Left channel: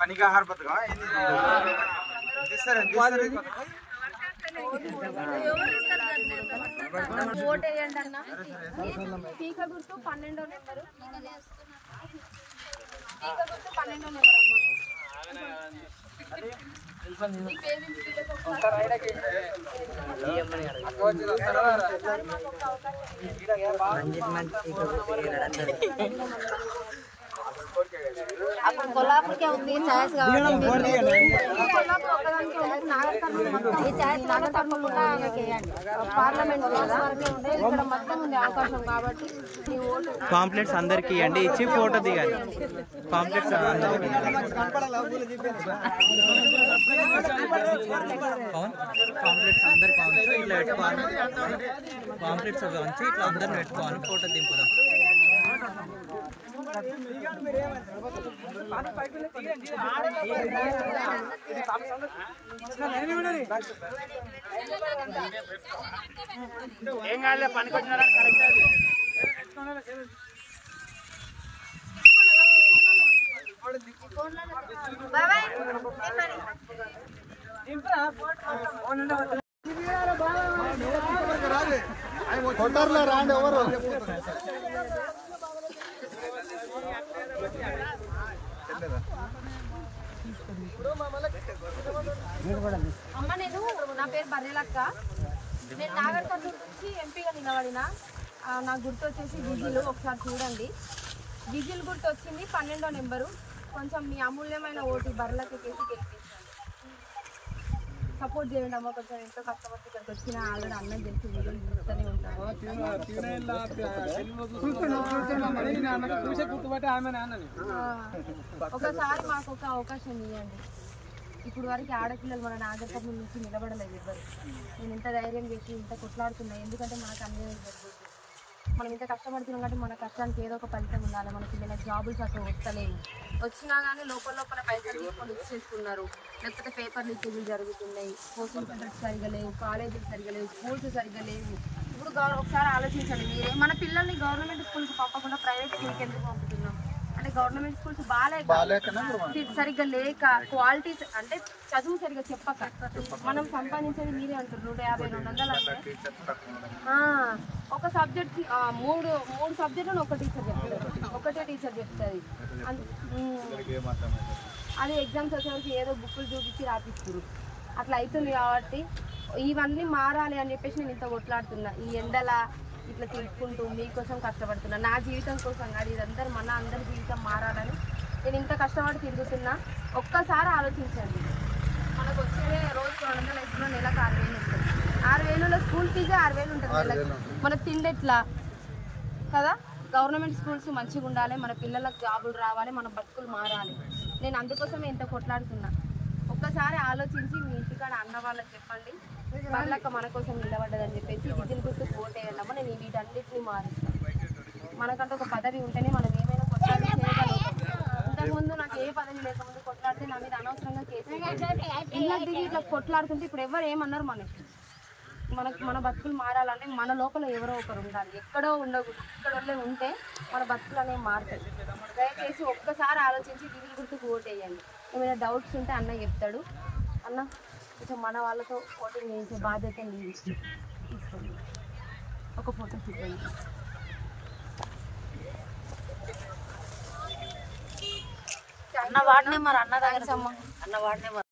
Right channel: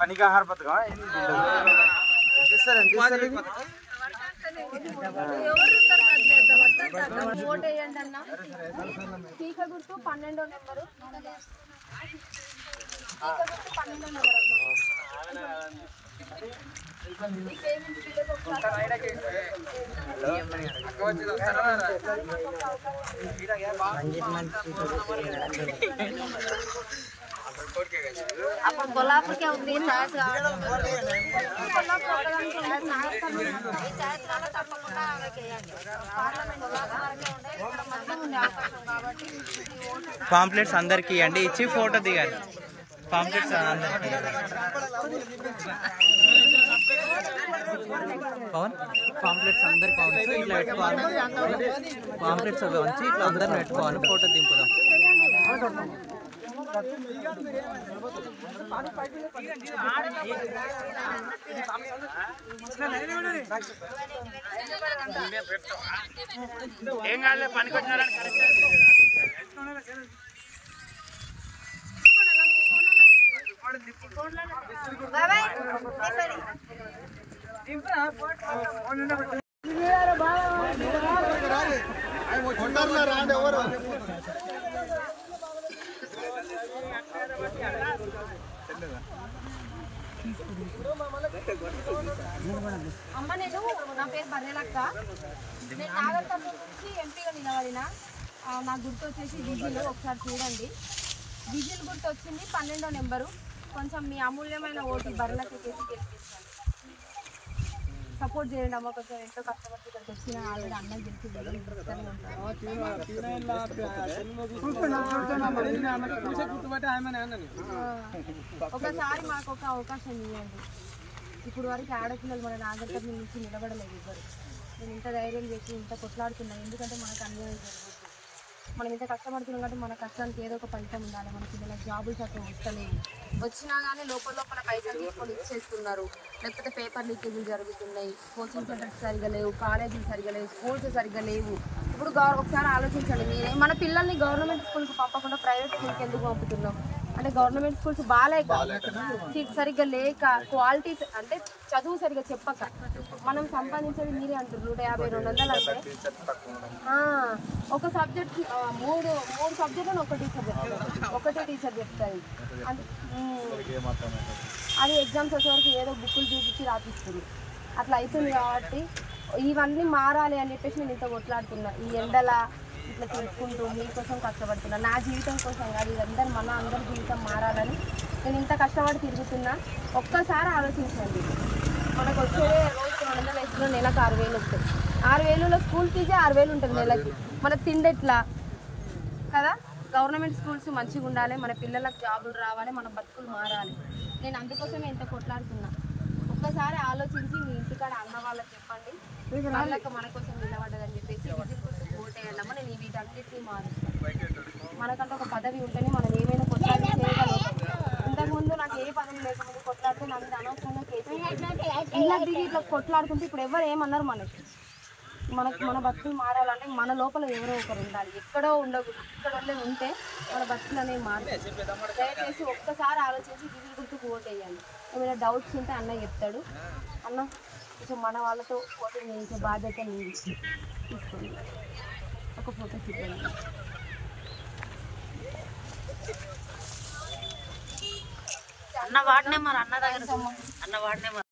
పనికాహార పథకం ఓటు వేయండి అన్న. పీక గుర్తు 12వ నెంబరు. పీక గుర్తు 12వ నెంబర్ అమ్మ. कोल्हापुर के ఉంది ఛాయిస్ కావాలి కొల్లాపూర్ ఒకదానికి ఉంది. పార్లమెంట్ కదా ఇక్కడ మొత్తం ఉంది అవకాశం కాబట్టి పాంప్లెట్స్ అందరికి ఇవ్వండి, ఇచ్చి ఫోటో దిగాలి. పాంప్లెట్స్ అందరికి పవన్ పాంప్లెట్స్ అందరికి కావచ్చు, ఇట్లా పెట్టుకోవాలి. పాంప్లెట్స్ అవి వంచి ఇట్లా అందరిని పెట్టుకోవాలి, ఫోటో దింపుదాం. అమ్మ నేను నా పేరు బర్రెలక్క. నేను నాగర్ కర్నూలు నుంచి ఎంపీగా నిలబడిన. నా గుర్తు వచ్చేసి విజిల్. ఒకసారి చూడండి, విజిల్ గుర్తు వచ్చింది 12వ నెంబరు. కొంచెం మీ అమూల్యమైన ఓటు బర్రెలకి కేసి గెలిపించండి. సపోర్ట్ చేయండి అమ్మ. కొంచెం ఎంతో కష్టపడి ఇక్కడికి వచ్చిన ఆల్రెడీ అన్నం తెలిసి వీడియోలు చూస్తూనే ఉంటాను. ఒకసారి మాకు ఒక అవకాశం ఇవ్వండి. ఇప్పుడు వరకు ఆడపిల్లలు మన నాగర్ కర్నూలు నుంచి నిలబడలేదు ఎవ్వరు. నేను ఇంత ధైర్యం చేసి ఇంత కొట్లాడుతున్నా, ఎందుకంటే మనకు అన్యాయం జరుగుతుంది. మనం ఇంత కష్టపడుతున్నాం కాబట్టి మన కష్టానికి ఏదో ఒక ఫలితం ఉండాలి. మన పిల్లలకు జాబులు చక్కగా వస్తలేవు, వచ్చినా కానీ లోపల పైసలు తీసుకొని ఇచ్చేస్తున్నారు. లేకపోతే పేపర్ లీకేజీలు జరుగుతున్నాయి, కోచింగ్ సెంటర్స్ సరిగా లేవు, కాలేజీలు సరిగా లేవు, స్కూల్స్ సరిగా లేవు. ఇప్పుడు ఒకసారి ఆలోచించండి మీరే. మన పిల్లల్ని గవర్నమెంట్ స్కూల్కి పంపకుండా ప్రైవేట్ స్కూల్కి ఎందుకు పంపుతున్నాం అంటే గవర్నమెంట్ స్కూల్స్ సరిగ్గా లేక, క్వాలిటీ అంటే చదువు సరిగ్గా చెప్పక మనం సంపాదించేది మీరే అంటారు 150-200 అంటే ఒక సబ్జెక్ట్ మూడు సబ్జెక్టులను ఒకటే టీచర్ చెప్తుంది. అది ఎగ్జామ్స్ వచ్చేవరకు ఏదో బుక్కులు చూపించి రాపిస్తారు. అట్లా అవుతుంది కాబట్టి ఇవన్నీ మారాలి అని చెప్పేసి నేను ఇంత కొట్లాడుతున్నా. ఈ ఎండల ఇట్లా తీసుకుంటూ మీకోసం కష్టపడుతున్నా, నా జీవితం కోసం కాదు, ఇదందరూ మన అందరి జీవితం మారాలని నేను ఇంత కష్టపడి తిరుగుతున్నా. ఒక్కసారి ఆలోచించండి, మనకు వచ్చేదే రోజుకు 200 వేసుకున్న నెలకు 6000 వస్తుంది. 6000లో స్కూల్ ఫీజే 6000 ఉంటుంది నెలకి. మనకు తిండెట్లా కదా. గవర్నమెంట్ స్కూల్స్ మంచిగా ఉండాలి, మన పిల్లలకు జాబులు రావాలి, మన బతుకులు మారాలి. నేను అందుకోసమే ఇంత కొట్లాడుతున్నా. ఒక్కసారి ఆలోచించి మీ ఇంటికాడ అన్న వాళ్ళకి చెప్పండి, వాళ్ళక మన కోసం నిలబడ్డదని చెప్పేసి విజిల్ గుర్తు ఓటేయాలమ్మా. నేను వీటన్నిటిని మారుస్తాను. మనకంటే ఒక పదవి ఉంటేనే మనం ఏమైనా కొట్లాడి చేయగలుగుతాం. ఇంతకుముందు నాకు ఏ పదవి లేకముందు కొట్లాడితే నా మీద అనవసరంగా కేసులు ఇలా దిగి ఇట్లా కొట్లాడుతుంటే ఇప్పుడు ఎవరు ఏమన్నారు మన బతుకులు మారాలంటే మన లోపల ఎవరో ఒకరు ఉండాలి. ఎక్కడో ఉండకూడదు, ఇక్కడ ఉంటే మన బతుకులు అనేవి మారుతాయి. దయచేసి ఒక్కసారి ఆలోచించి విజిల్ గుర్తుకు ఓటేయండి. ఏమైనా డౌట్స్ ఉంటే అన్న చెప్తాడు. అన్న కొంచెం మన వాళ్ళతో ఓటింగ్ చేయించే బాధ్యత నీది, తీసుకోండి. ఒక ఫోటో తీసుకోండి.